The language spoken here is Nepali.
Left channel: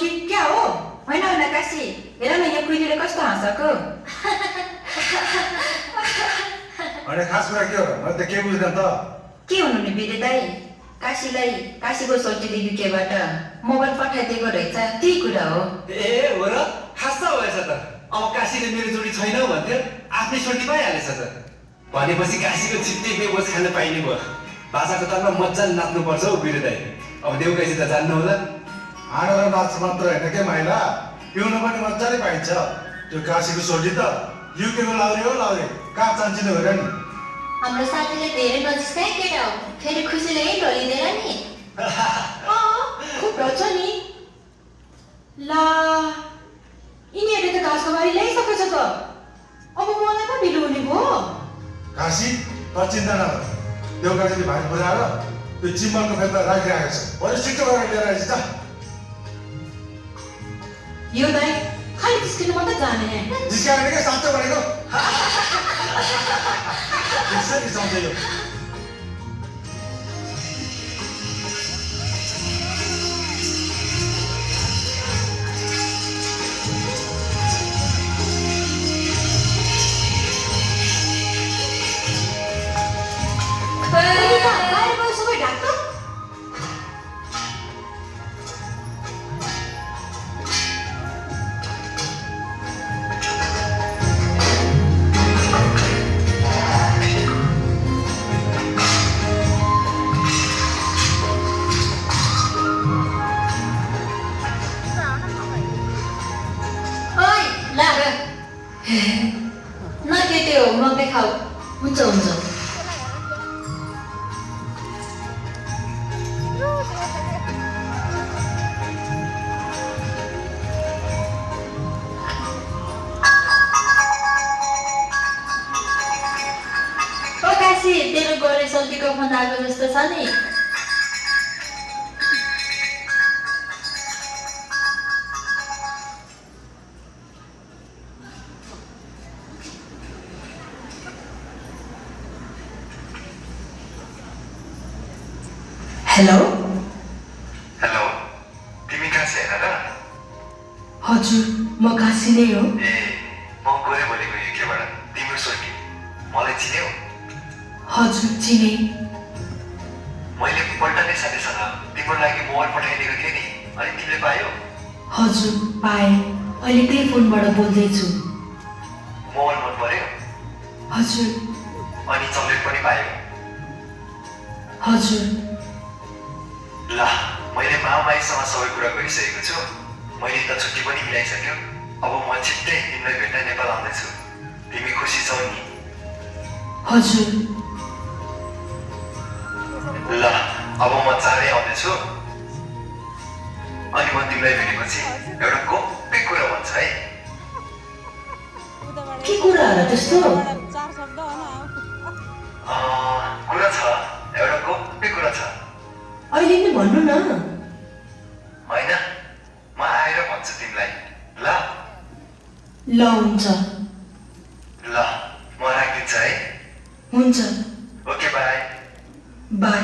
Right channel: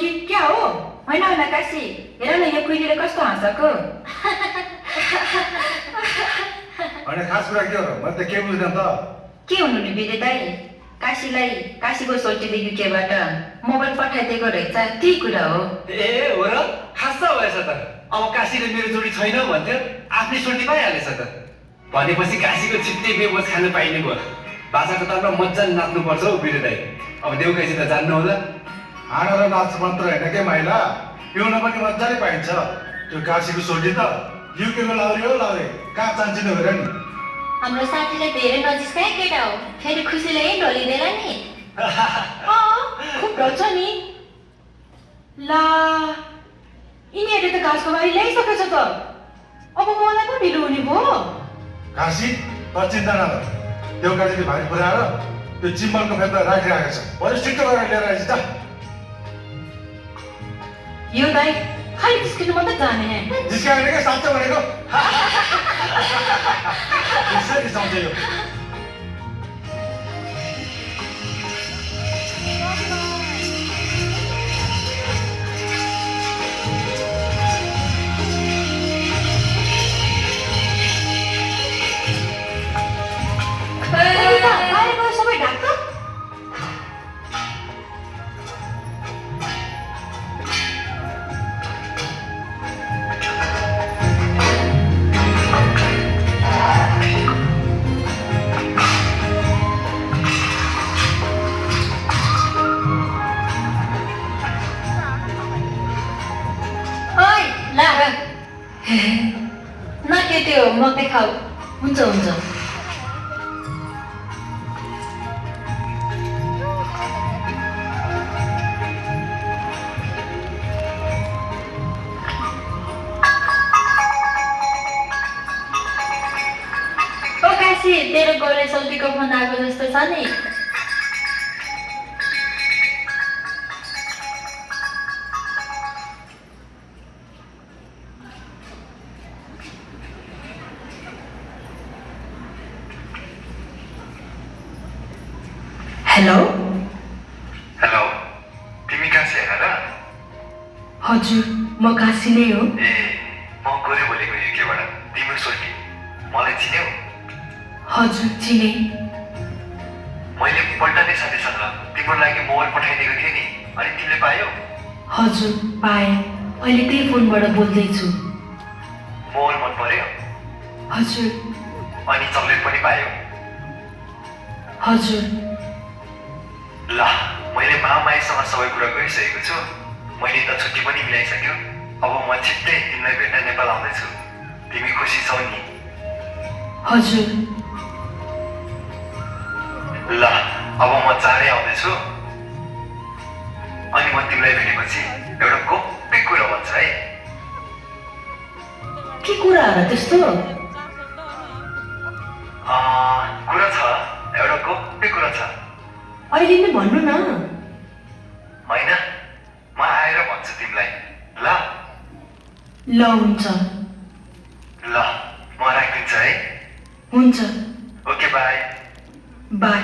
कि क्या हो होइन होइन काशी हेर न यो कुइलीले कस्तो हाँसेको अनि खास कुरा के हो र मैले त के बुझ्दैन त के हुनु नि विजय दाई काशीलाई काशीको सोल्टीले युकेबाट मोबाइल पठाइदिएको रहेछ त्यही कुरा हो ए हो र खास भएछ त अब काशीले मेरो जोडी छैन भन्थ्यो आफ्नै सोल्टी पाइहालेछ त भनेपछि काशीको छिट्टै बेबोज खान पाइने भयो भाषाको तलमा मजाले नाच्नुपर्छ हौ वीर दाई अब देउकासी त जान्नु होला हाँडो र नाच मात्र होइन के माइला पिउन पनि मजाले पाइन्छ त्यो काशीको सोल्टी त युकेको लाउरे हो लाउरे कहाँ चान्चिने हो र नि हाम्रो साथीले धेरै नजिस्काए केटा हो फेरि खुसीले यही ढलिँदैन नि खुब ढल्छ नि ला यिनीहरूले त घाँसको बारी ल्याइसकेछ त अब मलाई पो ढिलो हुने भयो काशी त चिन्ता नगर देउकाजीले भाइ पुऱ्याएर त्यो चिम्बलको फेदमा राखिरहेको छ बरु छिटो गरेर लिएर आइज त यो दाइ खालि जिस्किनु मात्रै जाने जिस्काएर के साँच्चो भनेको त्यसरी सम्झ्यो बाहिर गयो सबै ढाक्छ न के त्यो मकै खाऊ हुन्छ हुन्छ ओ काशी तेरो गोरे सब्जीको फोन आएको जस्तो छ नि हेलो हेलो तिमी काशी हेर र हजुर म काशी नै हो ए म गोरे बोलेको युकेबाट तिम्रो सोल्टी मलाई चिन्यौ हजुर चिने मैले पल्टने साथीसँग तिम्रो लागि मोबाइल पठाइदिएको थिएँ नि अनि तिमीले पायौ हजुर पाएँ अहिले त्यही फोनबाट बोल्दैछु मोबाइल मन पर्यो हजुर अनि चक्लेट पनि पायौ हजुर ल मैले मामाईसँग सबै कुरा गरिसकेको छु मैले त छुट्टी पनि मिलाइसक्यो अब म छिट्टै तिमीलाई भेट्न नेपाल आउँदैछु तिमी खुसी छौ नि हजुर ल अब म चाँडै आउँदैछु अनि म तिमीलाई भेटेपछि एउटा गोप्य कुरा भन्छ है के कुरा होला त्यस्तो कुरा छ एउटा गोप्य कुरा छ अहिले नै भन्नु न होइन म आएर भन्छु तिमीलाई ल ल हुन्छ ल म राखिदिन्छु है हुन्छ ओके बाई बाई